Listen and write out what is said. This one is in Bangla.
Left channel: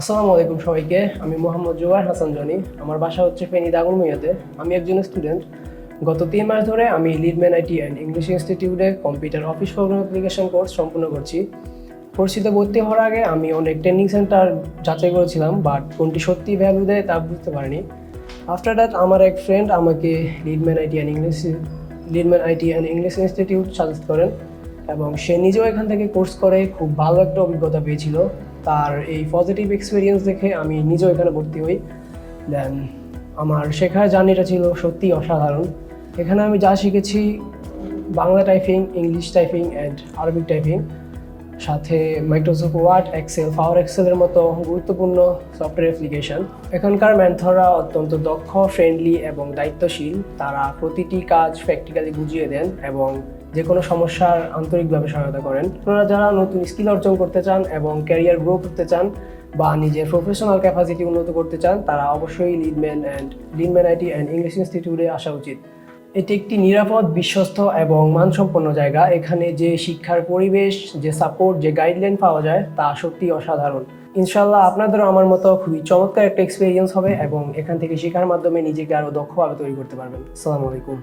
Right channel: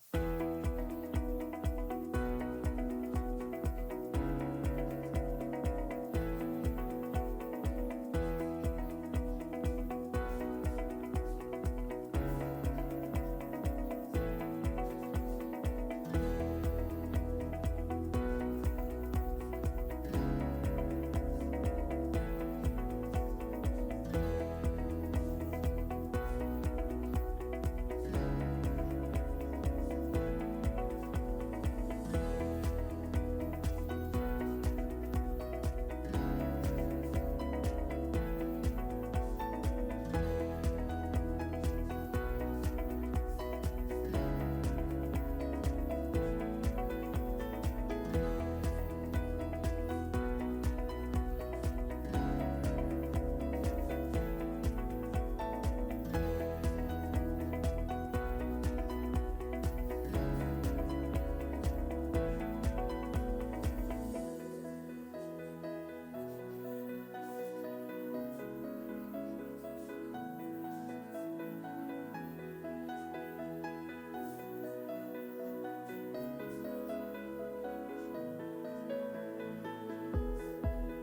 আসসালামু আলাইকুম সবাইকে, আমি মোহাম্মদ জোয়ার হাসান জনি। আমার বাসা হচ্ছে ফেনী দাগনমুইয়াতে আমি একজন স্টুডেন্ট গত তিন মাস ধরে আমি লিডম্যান আইটি অ্যান্ড ইংলিশ ইনস্টিটিউটে computer office program application course সম্পূর্ণ করছি। কোর্সটিতে ভর্তি হওয়ার আগে আমি অনেক ট্রেনিং সেন্টার যাচাই করেছিলাম বাট কোনটি সত্যি ভ্যালু দেয় তা বুঝতে পারিনি। আফটার দ্যাট আমার এক ফ্রেন্ড আমাকে Leadman IT and English Leadman IT and English institute suggest করেন। এবং সে নিজেও এখান থেকে কোর্স করে, খুব ভালো একটা অভিজ্ঞতা পেয়েছিল। তার এই পজিটিভ এক্সপিরিয়েন্স দেখে আমি নিজেও এখানে ভর্তি হই। দেন আমার শেখার জার্নিটা ছিল সত্যি অসাধারণ। এখানে আমি যা শিখেছি, Bangla typing English typing and Arabic typing সাথে মাইক্রোসফট ওয়ার্ড এক্সেল পাওয়ার এক্সেলের মতো গুরুত্বপূর্ণ সফটওয়্যার অ্যাপ্লিকেশন এখানকার ম্যানথরা অত্যন্ত দক্ষ ফ্রেন্ডলি এবং দায়িত্বশীল। তারা প্রতিটি কাজ প্র্যাকটিক্যালি বুঝিয়ে দেন এবং যে কোনো সমস্যার আন্তরিকভাবে সহায়তা করেন। আপনারা যারা নতুন স্কিল অর্জন করতে চান এবং ক্যারিয়ার গ্রো করতে চান বা নিজের প্রফেশনাল ক্যাপাসিটি উন্নত করতে চান, তারা অবশ্যই Leadman and Leadman IT and English ইনস্টিটিউটে আসা উচিত। এটি একটি নিরাপদ, বিশ্বস্ত এবং মানসম্পন্ন জায়গা। এখানে যে শিক্ষার পরিবেশ, যে সাপোর্ট যে গাইডলাইন পাওয়া যায়, তা সত্যি অসাধারণ। ইনশাল্লাহ আপনাদেরও আমার মতো খুবই চমৎকার একটা এক্সপিরিয়েন্স হবে এবং এখান থেকে শেখার মাধ্যমে নিজেকে আরও দক্ষভাবে তৈরি করতে পারবেন। আসসালামু আলাইকুম।